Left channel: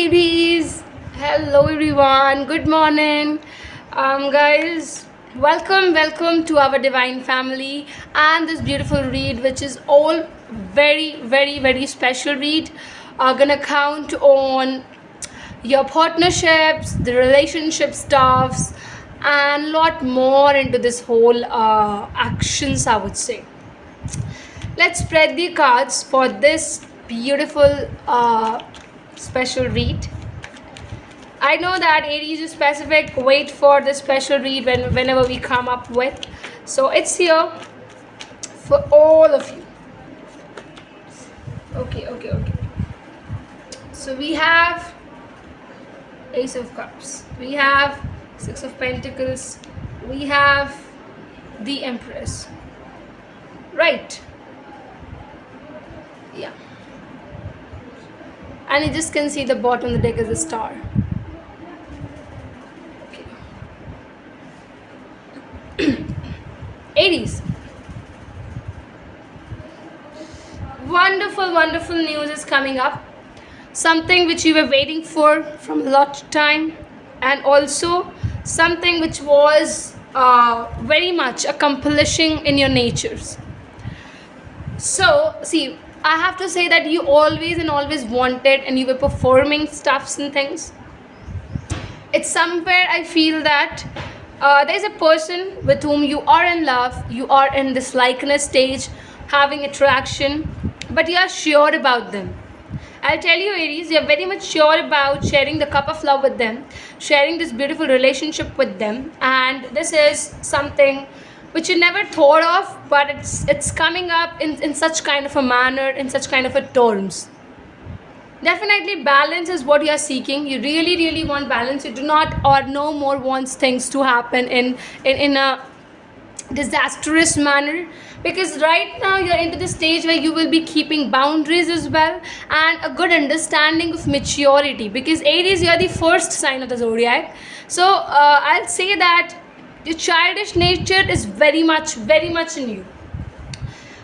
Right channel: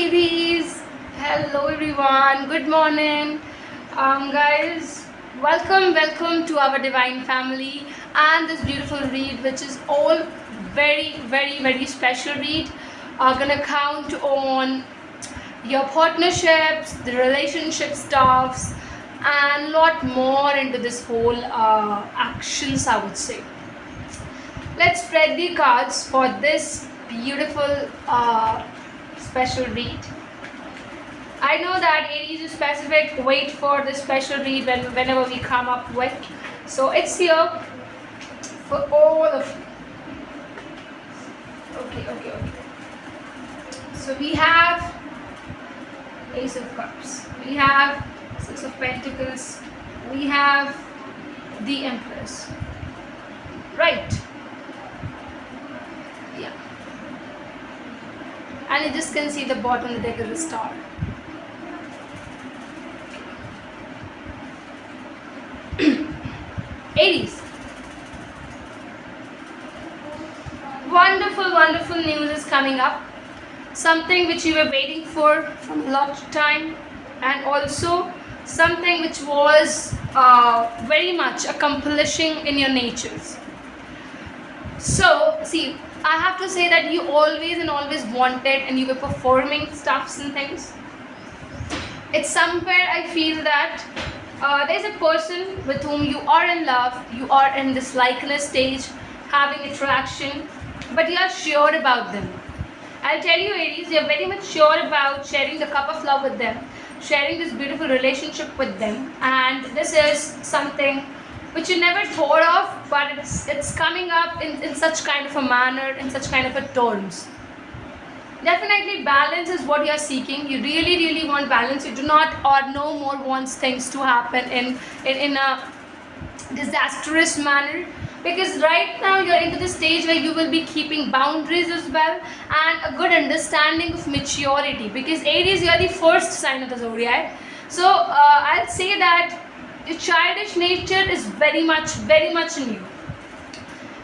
Aries. Hello everyone. Good morning. Guys, welcome to our divine family and this beautiful read, which is all very special read. Gonna count on your partnerships, the relationship stuffs, and lot more into this whole actions, I would say. Let's spread the cards for this beautiful special read. I know that Aries is specific. Wait for the special read whenever we come up with. So it's here for all of you. Okay. So we have Ace of Cups. We have Six of Pentacles. We have the Empress. Right. Yeah. And you just can see the bottom of the deck is a star. Aries. Wonderful news is coming up. Something which you were waiting for from a lot of time, and also something which was very much accomplishing in your natures. So, see, I have to say that you always wanted, and you were performing stuffs and things. It's somewhere I feel that there's a person with whom you are in love, you are in this likeness stage, having attraction, but you are sure about them. I'll tell you, Aries, you're very much sure about sharing the cup of love with them, sharing this beautiful relationship with them, and this is something which you never thought of, but it's coming up in such kind of a manner, in such kind of a terms. Definitely balance is what you are seeking. You really want balance. You do not or no more wants things to happen in a disastrous manner, because right now you're into the stage where you will be keeping boundaries as well, and a good understanding of maturity, because Aries, you're the first sign of the zodiac. So I'll say that your childish nature is very much in you,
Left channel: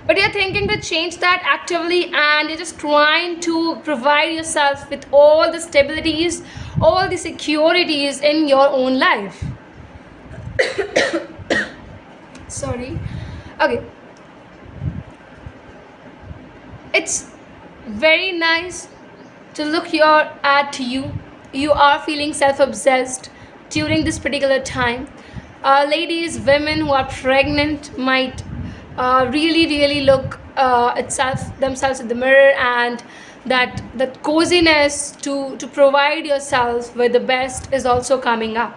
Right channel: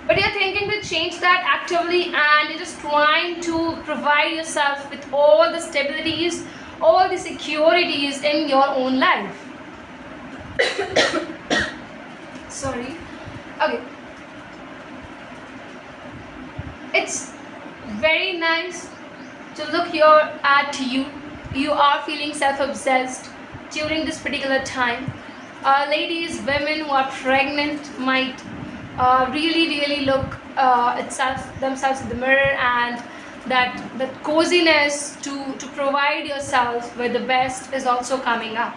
but you're thinking to change that actively, and you're just trying to provide yourself with all the stabilities, all the securities in your own life. Sorry. Okay. It's very nice to look here at you. You are feeling self-obsessed during this particular time. Ladies, women who are pregnant might really look themselves in the mirror, and that coziness to provide yourself with the best is also coming up.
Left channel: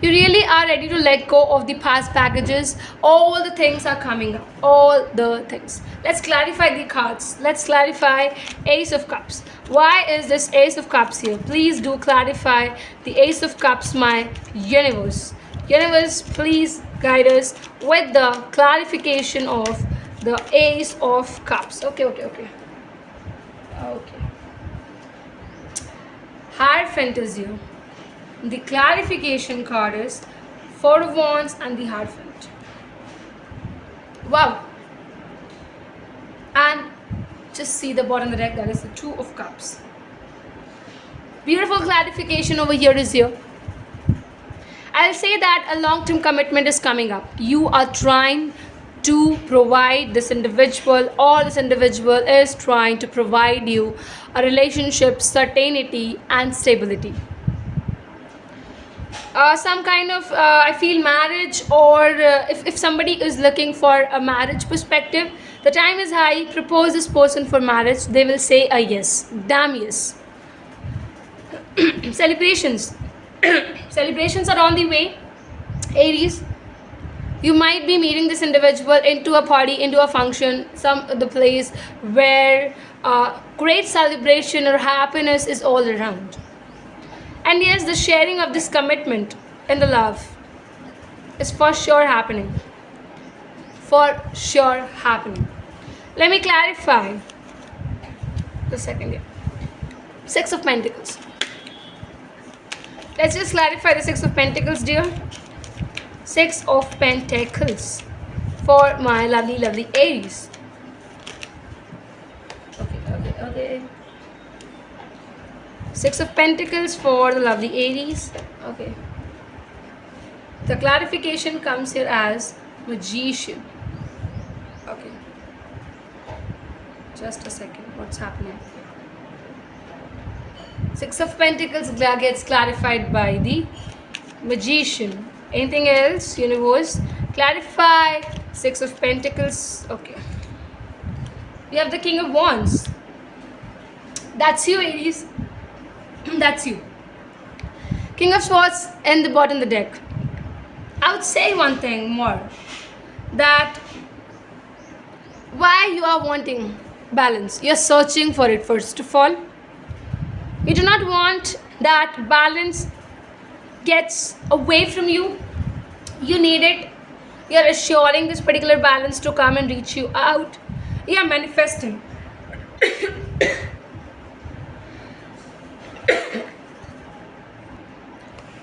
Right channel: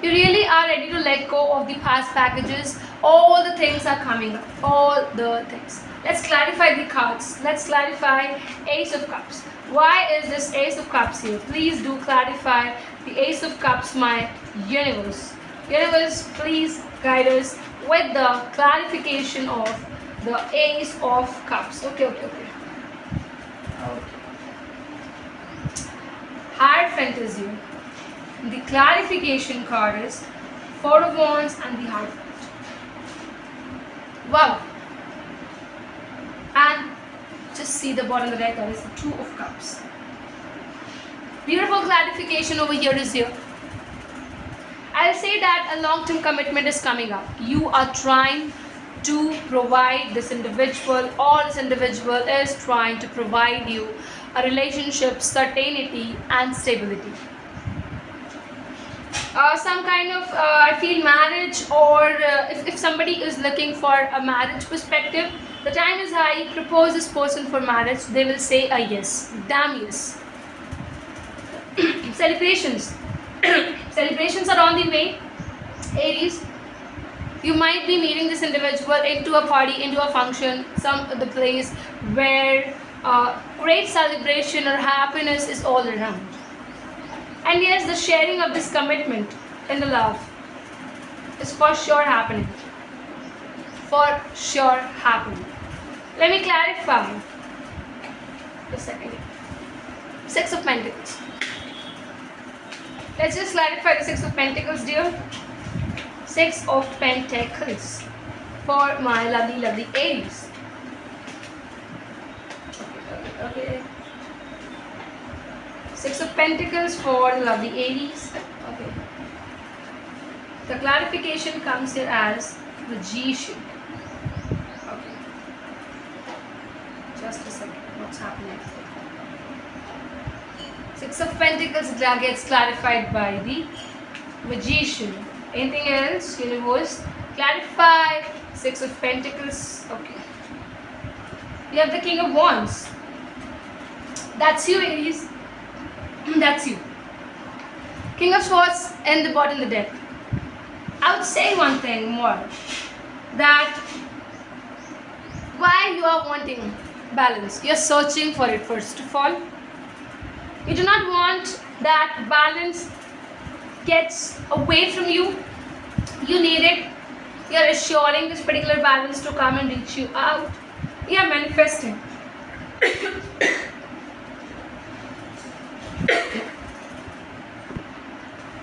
You really are ready to let go of the past packages. All the things are coming up. All the things. Let's clarify the cards. Let's clarify Ace of Cups. Why is this Ace of Cups here? Please do clarify the Ace of Cups, my universe. Universe, please guide us with the clarification of the Ace of Cups. Okay. Hierophant here. The clarification card is Four of Wands and the Hierophant. Wow. And just see the bottom of the deck, that is the Two of Cups. Beautiful clarification over here is here. I'll say that a long-term commitment is coming up. You are trying to provide this individual, or this individual is trying to provide you a relationship, certainty and stability. Some kind of I feel marriage, or if somebody is looking for a marriage perspective, the time is high. Propose this person for marriage, they will say a yes, damn yes. Celebrations celebrations are on the way, Aries. You might be meeting this individual into a party, into a function, the place where great celebration or happiness is all around. And yes, the sharing of this commitment in the love is for sure happening. For sure happening. Let me clarify the second here. Six of Pentacles. Let's just clarify the Six of Pentacles, dear. Six of Pentacles for my lovely Aries. Okay. Six of Pentacles for the lovely Aries. Okay. The clarification comes here as Magician. Okay. Just a second. What's happening? Six of Pentacles gets clarified by the Magician. Anything else, universe? Clarify. Six of Pentacles. Okay. We have the King of Wands. That's you, Aries. That's you. King of Swords in the bottom of the deck. I would say one thing more, that why you are wanting balance. You are searching for it first of all. You do not want that balance gets away from you. You need it. You are assuring this particular balance to come and reach you out. You are manifesting.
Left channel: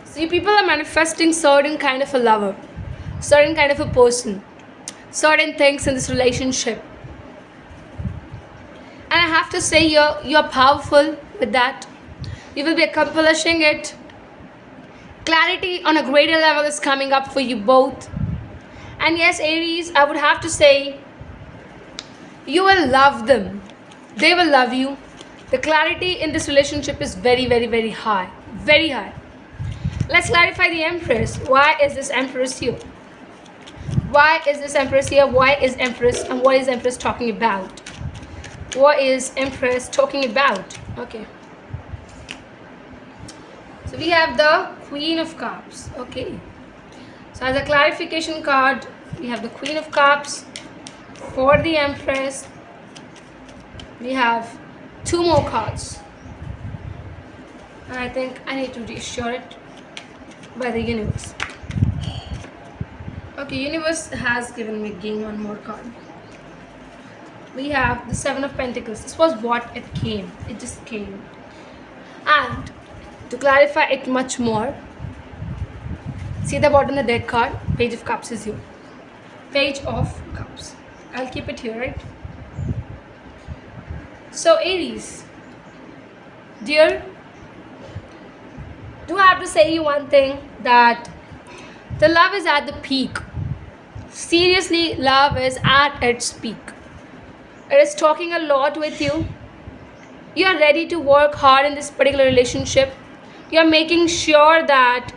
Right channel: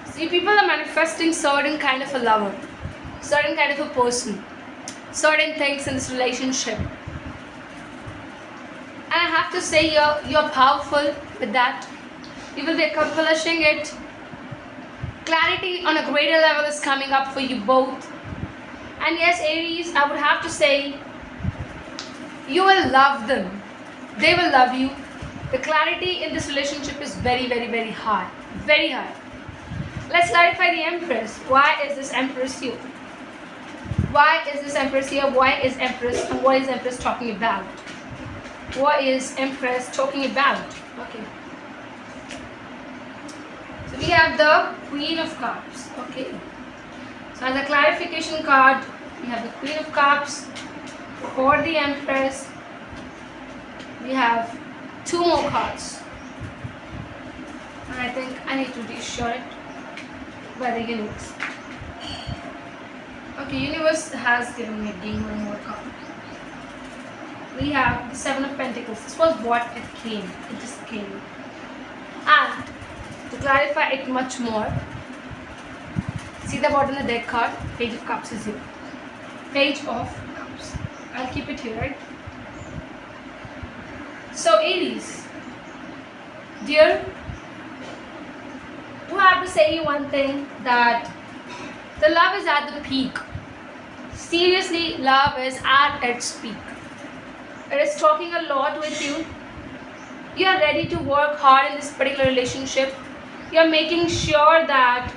See, people are manifesting certain kind of a lover, certain kind of a person, certain things in this relationship. And I have to say, you're powerful with that. You will be accomplishing it. Clarity on a greater level is coming up for you both. And yes, Aries, I would have to say, you will love them. They will love you. The clarity in this relationship is very, very, very high. Very high. Let's clarify the Empress. Why is this Empress here? Why is this Empress here? Why is Empress, and what is Empress talking about? What is Empress talking about? Okay. So we have the Queen of Cups. Okay. So as a clarification card, we have the Queen of Cups. For the Empress, we have two more cards. I think I need to reassure it by the universe. Okay, universe has given me again one more card. We have the Seven of Pentacles. This was what it came. It just came. And to clarify it much more, see the bottom of the deck card. Page of Cups is here. Page of Cups. I'll keep it here, right? So Aries, dear, do I have to say you one thing, that the love is at the peak. Seriously, love is at its peak. It is talking a lot with you. You are ready to work hard in this particular relationship. You are making sure that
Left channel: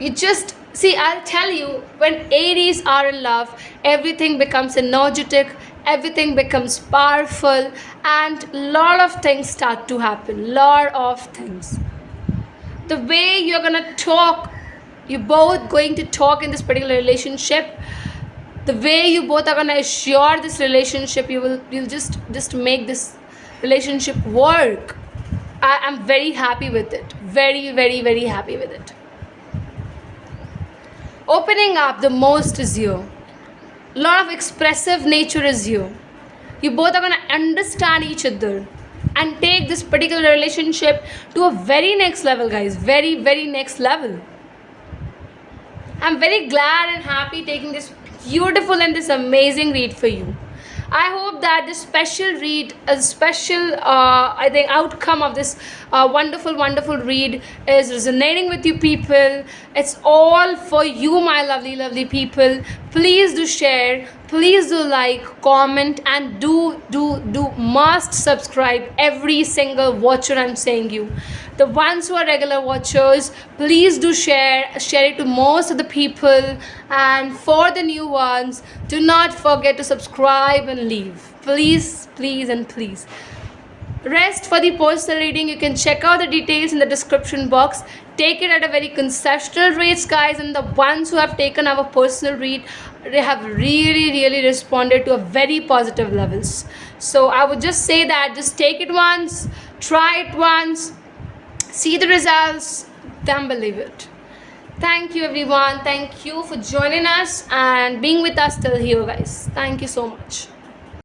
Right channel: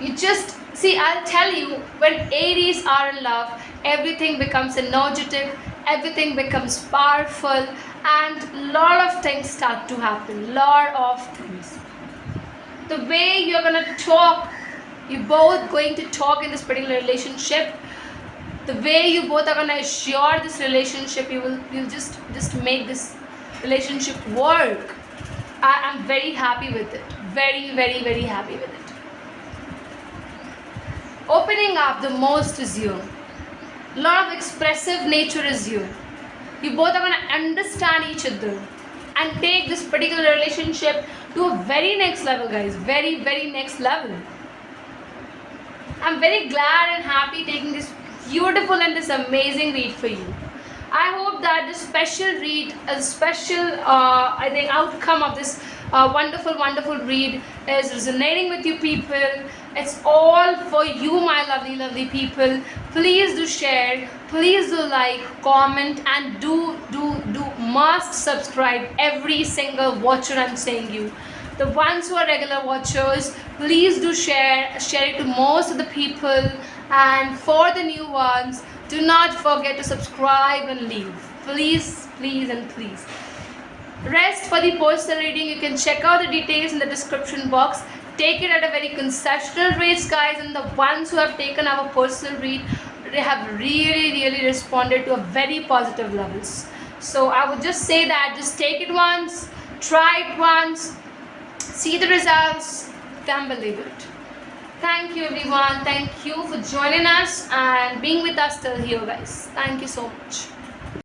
you just see, I'll tell you, when Aries are in love, everything becomes energetic, everything becomes powerful, and lot of things start to happen. Lot of things. The way you're gonna talk, you both going to talk in this particular relationship, the way you both are gonna assure this relationship, you'll just make this relationship work. I am very happy with it. Very, very, very happy with it. Opening up the most is you. Lot of expressive nature is you. You both are gonna understand each other and take this particular relationship to a very next level, guys. Very, very next level. I'm very glad and happy taking this beautiful and this amazing read for you. I hope that this special read, a special I think outcome of this wonderful read is resonating with you people. It's all for you, my lovely people. Please do share, please do like, comment, and do must subscribe. Every single watcher, I'm saying you, the ones who are regular watchers, please do share it to most of the people. And for the new ones, do not forget to subscribe and leave. Please, please, and please. Rest for the personal reading, you can check out the details in the description box. Take it at a very concessional rates, guys, and the ones who have taken our personal read, they have really responded to a very positive levels. So I would just say that just take it once, try it once, see the results, then believe it. Thank you everyone. Thank you for joining us and being with us till here, guys. Thank you so much.